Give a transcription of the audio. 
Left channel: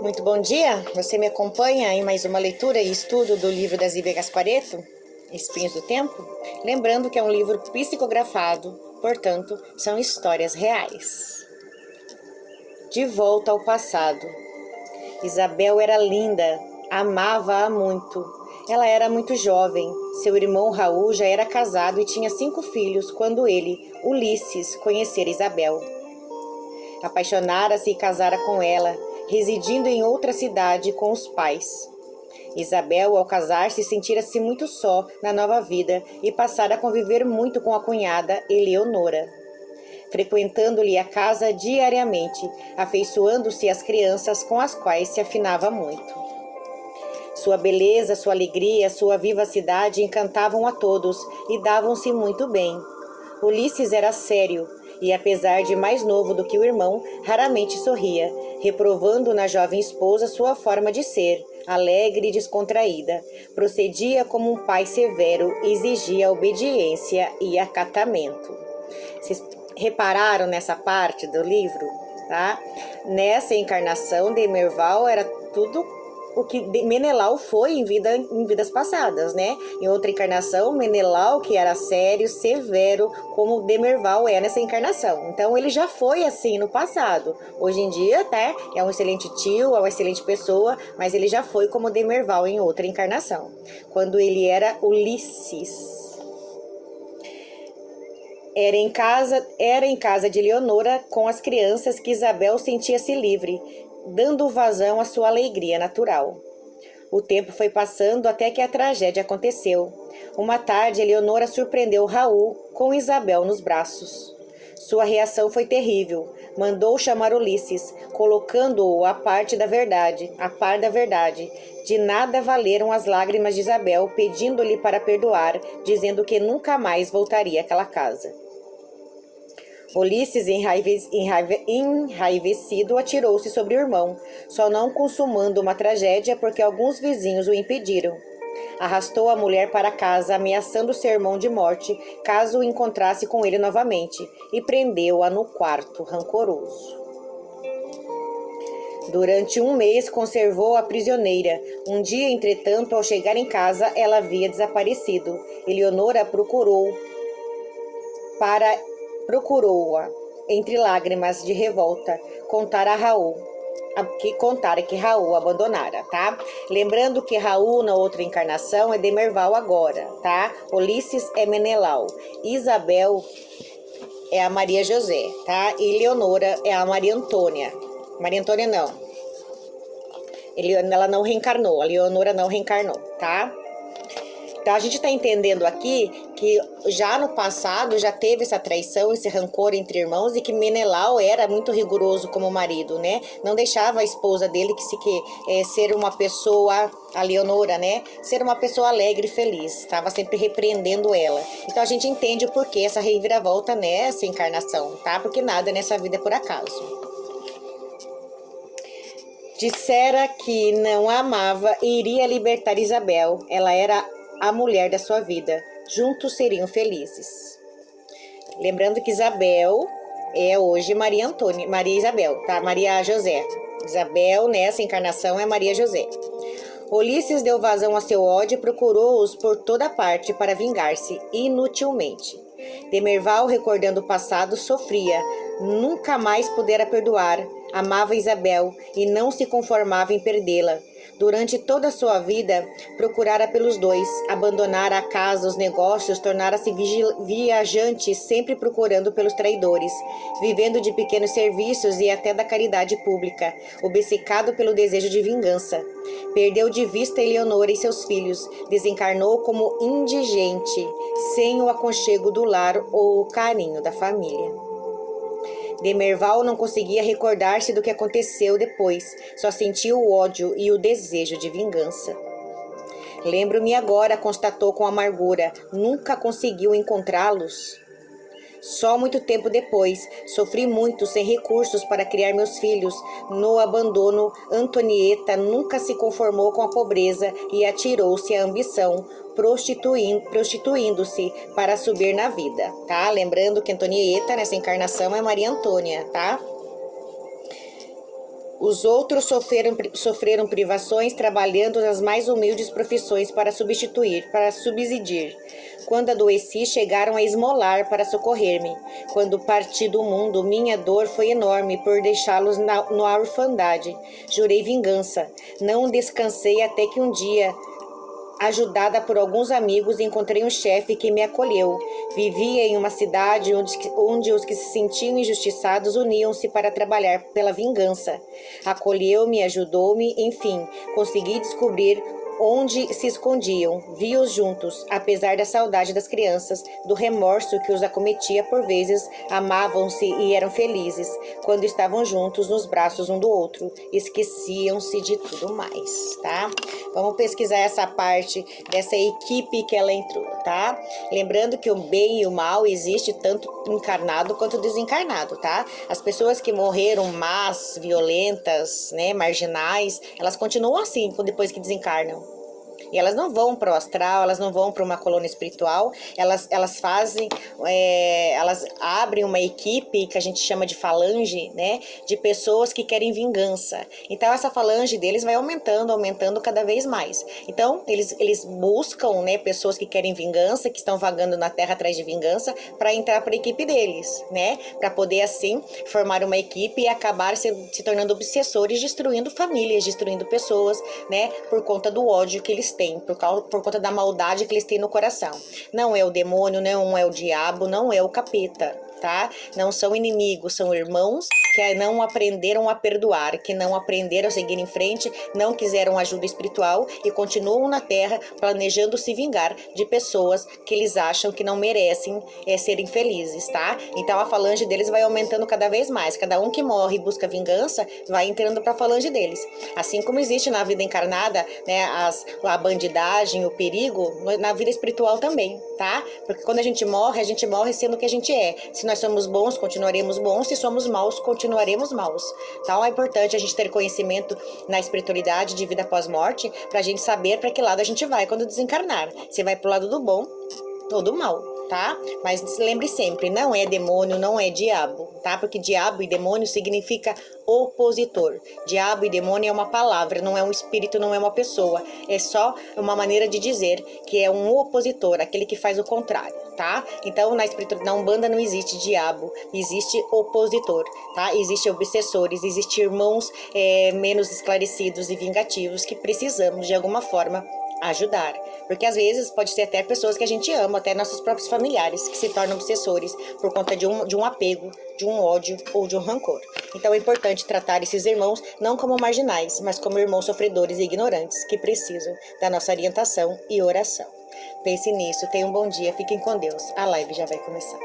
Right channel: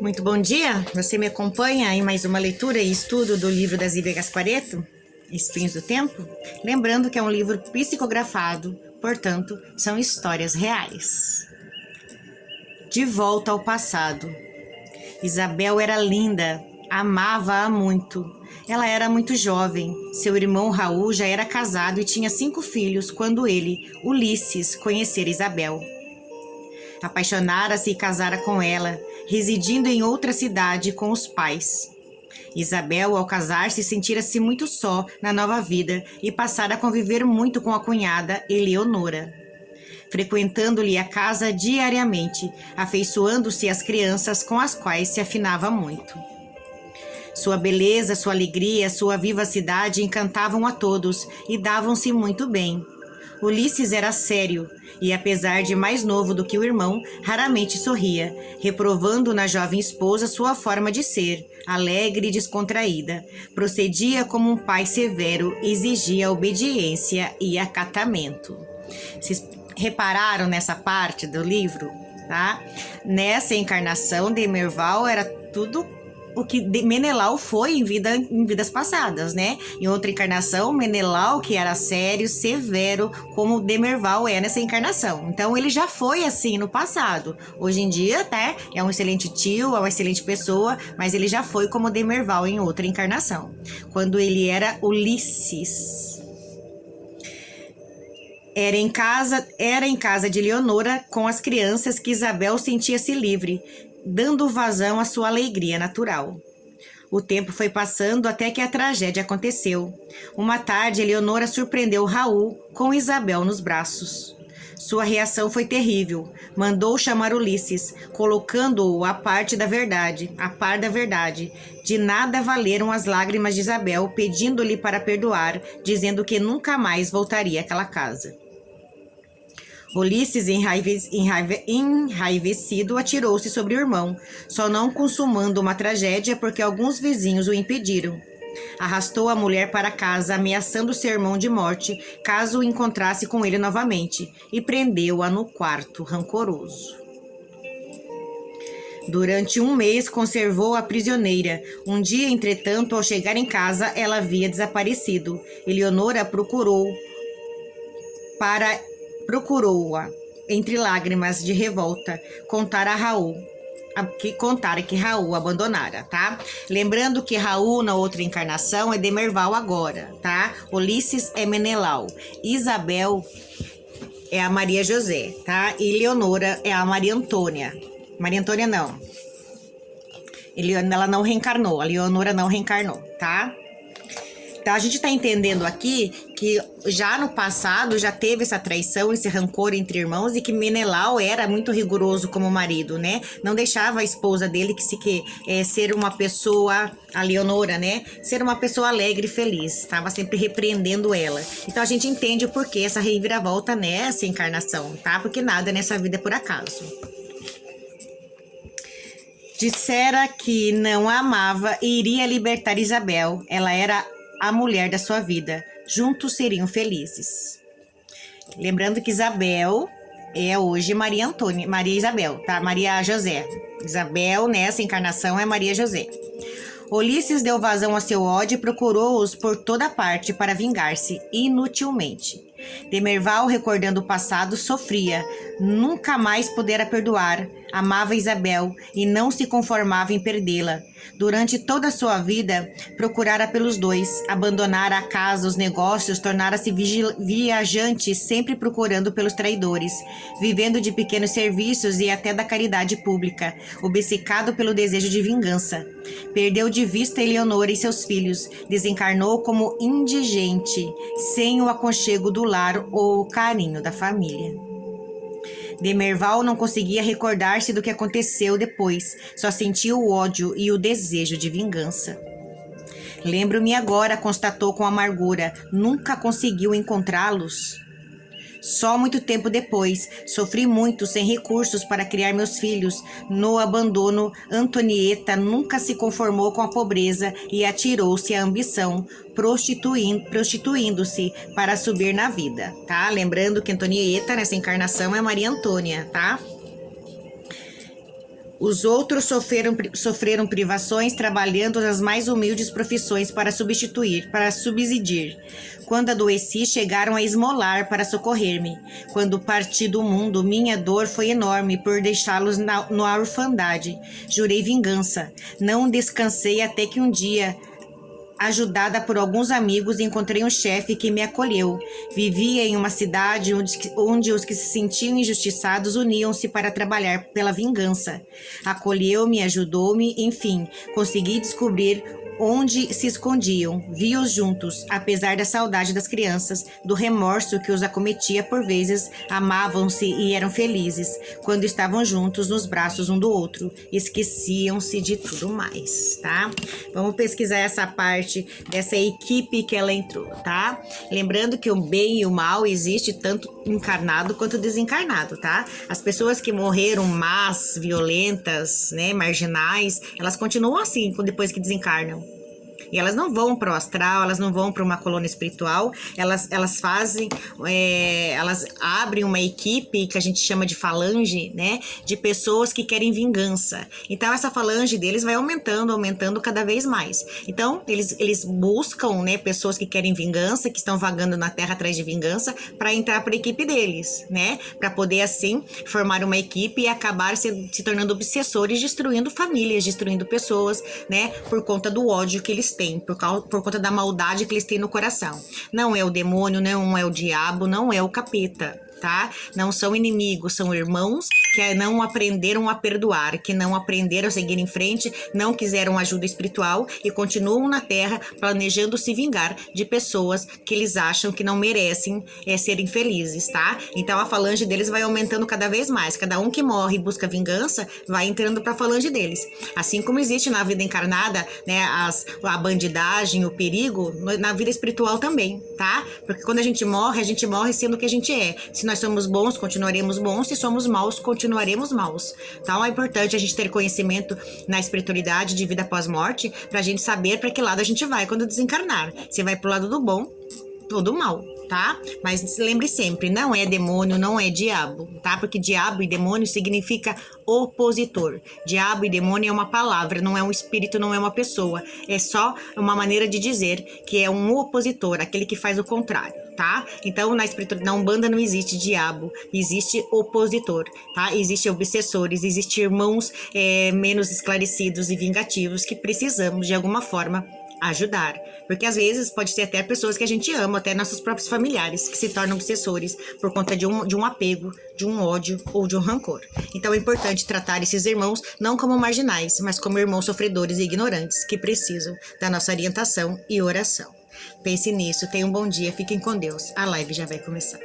Muito bom dia, você me acompanha em mais uma leitura e estudo do livro da Zívia Gasparetto, Espinhos do Tempo? Lembrando que é um livro psicografado, portanto, são histórias reais. De volta ao passado. Isabel era linda, amava-a muito. Ela era muito jovem, seu irmão Raul já era casado e tinha 5 filhos quando ele, Ulisses, conhecera Isabel. Apaixonara-se e casara com ela, residindo em outra cidade com os pais. Isabel, ao casar-se, sentira-se muito só na nova vida e passara a conviver muito com a cunhada Eleonora, frequentando-lhe a casa diariamente, afeiçoando-se às crianças com as quais se afinava muito. Sua beleza, sua alegria, sua vivacidade encantavam a todos e davam-se muito bem. Ulisses era sério e, apesar de mais novo do que o irmão, raramente sorria, reprovando na jovem esposa sua forma de ser, alegre e descontraída. Procedia como um pai severo, exigia obediência e acatamento. Vocês repararam nessa parte do livro? Tá? Nessa encarnação, Demerval era tudo o que Menelau foi em vidas passadas, né? Em outra encarnação, Menelau, que era sério, severo, como Demerval é nessa encarnação. Então, ele já foi assim no passado. Hoje em dia, até é um excelente tio, é uma excelente pessoa, mas ele já foi como Demerval em outra encarnação, quando ele era Ulisses. Era em casa de Leonora com as crianças que Isabel sentia-se livre, dando vazão à sua alegria natural. O tempo foi passando até que a tragédia aconteceu. Uma tarde, Eleonora surpreendeu Raul com Isabel nos braços. Sua reação foi terrível. Mandou chamar Ulisses, colocando-o a par da verdade. De nada valeram as lágrimas de Isabel, pedindo-lhe para perdoar, dizendo que nunca mais voltaria àquela casa. Ulisses, enraivecido, atirou-se sobre o irmão, só não consumando uma tragédia porque alguns vizinhos o impediram. Arrastou a mulher para casa, ameaçando seu irmão de morte caso o encontrasse com ele novamente, e prendeu-a no quarto, rancoroso. Durante 1 mês conservou a prisioneira. Um dia, entretanto, ao chegar em casa, ela havia desaparecido. Eleonora procurou-a, entre lágrimas de revolta, contara que Raul abandonara, tá? Lembrando que Raul, na outra encarnação, é Demerval agora, tá? Ulisses é Menelau. Isabel é a Maria José, tá? E Leonora é a Maria Antônia. Maria Antônia não. Ela não reencarnou, a Leonora não reencarnou, tá? Então, a gente está entendendo aqui que já no passado já teve essa traição, esse rancor entre irmãos e que Menelau era muito rigoroso como marido, né? Não deixava a esposa dele ser uma pessoa, a Leonora, né? Ser uma pessoa alegre e feliz. Estava sempre repreendendo ela. Então, a gente entende o porquê essa reviravolta nessa encarnação, tá? Porque nada nessa vida é por acaso. Dissera que não a amava e iria libertar Isabel. Ela era a mulher da sua vida. Juntos seriam felizes. Lembrando que Isabel é hoje Maria Isabel, tá? Maria José. Isabel, nessa encarnação, é Maria José. Ulisses deu vazão a seu ódio e procurou-os por toda parte para vingar-se, inutilmente. Demerval, recordando o passado, sofria. Nunca mais pudera perdoar. Amava Isabel e não se conformava em perdê-la. Durante toda a sua vida, procurara pelos dois, abandonara a casa, os negócios, tornara-se viajante, sempre procurando pelos traidores, vivendo de pequenos serviços e até da caridade pública, obcecado pelo desejo de vingança. Perdeu de vista Eleonora e seus filhos, desencarnou como indigente, sem o aconchego do lar ou o carinho da família. Demerval não conseguia recordar-se do que aconteceu depois, só sentia o ódio e o desejo de vingança. Lembro-me agora, constatou com amargura, nunca conseguiu encontrá-los? Só muito tempo depois, sofri muito sem recursos para criar meus filhos. No abandono, Antonieta nunca se conformou com a pobreza e atirou-se à ambição, prostituindo-se para subir na vida, tá? Lembrando que Antonieta, nessa encarnação, é Maria Antônia, tá? Os outros sofreram privações trabalhando nas mais humildes profissões para subsistir. Quando adoeci, chegaram a esmolar para socorrer-me. Quando parti do mundo, minha dor foi enorme por deixá-los na orfandade. Jurei vingança. Não descansei até que um dia, ajudada por alguns amigos, encontrei um chefe que me acolheu. Vivia em uma cidade onde os que se sentiam injustiçados uniam-se para trabalhar pela vingança. Acolheu-me, ajudou-me, enfim, consegui descobrir onde se escondiam. Vi-os juntos, apesar da saudade das crianças, do remorso que os acometia por vezes, amavam-se e eram felizes. Quando estavam juntos nos braços um do outro, esqueciam-se de tudo mais, tá? Vamos pesquisar essa parte dessa equipe que ela entrou, tá? Lembrando que o bem e o mal existe tanto encarnado quanto desencarnado, tá? As pessoas que morreram más, violentas, né, marginais, elas continuam assim depois que desencarnam. E elas não vão para o astral, elas não vão para uma colônia espiritual, elas abrem uma equipe que a gente chama de falange, né? De pessoas que querem vingança. Então, essa falange deles vai aumentando cada vez mais. Então, eles buscam, né, pessoas que querem vingança, que estão vagando na Terra atrás de vingança, para entrar para a equipe deles, né? Para poder, assim, formar uma equipe e acabar se tornando obsessores, destruindo famílias, destruindo pessoas, né? Por conta do ódio que eles têm, por conta da maldade que eles têm no coração. Não é o demônio, não é o diabo, não é o capeta, tá? Não são inimigos, são irmãos que não aprenderam a perdoar, que não aprenderam a seguir em frente, não quiseram ajuda espiritual e continuam na Terra planejando se vingar de pessoas que eles acham que não merecem serem felizes, tá? Então a falange deles vai aumentando cada vez mais. Cada um que morre e busca vingança vai entrando para a falange deles. Assim como existe na vida encarnada, né, a bandidagem, o perigo, na vida espiritual também, tá? Porque quando a gente morre sendo o que a gente é. Se nós somos bons, continuaremos bons. Se somos maus, continuaremos maus. Então é importante a gente ter conhecimento na espiritualidade de vida após morte, pra gente saber para que lado a gente vai quando desencarnar. Se vai pro lado do bom ou do mal, tá? Mas lembre sempre, não é demônio, não é diabo, tá? Porque diabo e demônio significa opositor. Diabo e demônio é uma palavra, não é um espírito, não é uma pessoa. É só uma maneira de dizer que é um opositor, aquele que faz o contrário, tá? Então, na Umbanda não existe diabo, existe opositor, tá? Existem obsessores, existem irmãos menos esclarecidos e vingativos que precisamos, de alguma forma, ajudar. Porque às vezes pode ser até pessoas que a gente ama, até nossos próprios familiares, que se tornam obsessores por conta de um apego, de um ódio ou de um rancor. Então é importante tratar esses irmãos não como marginais, mas como irmãos sofredores e ignorantes que precisam da nossa orientação e oração. Pense nisso, tenha um bom dia, fiquem com Deus. A live já vai começar.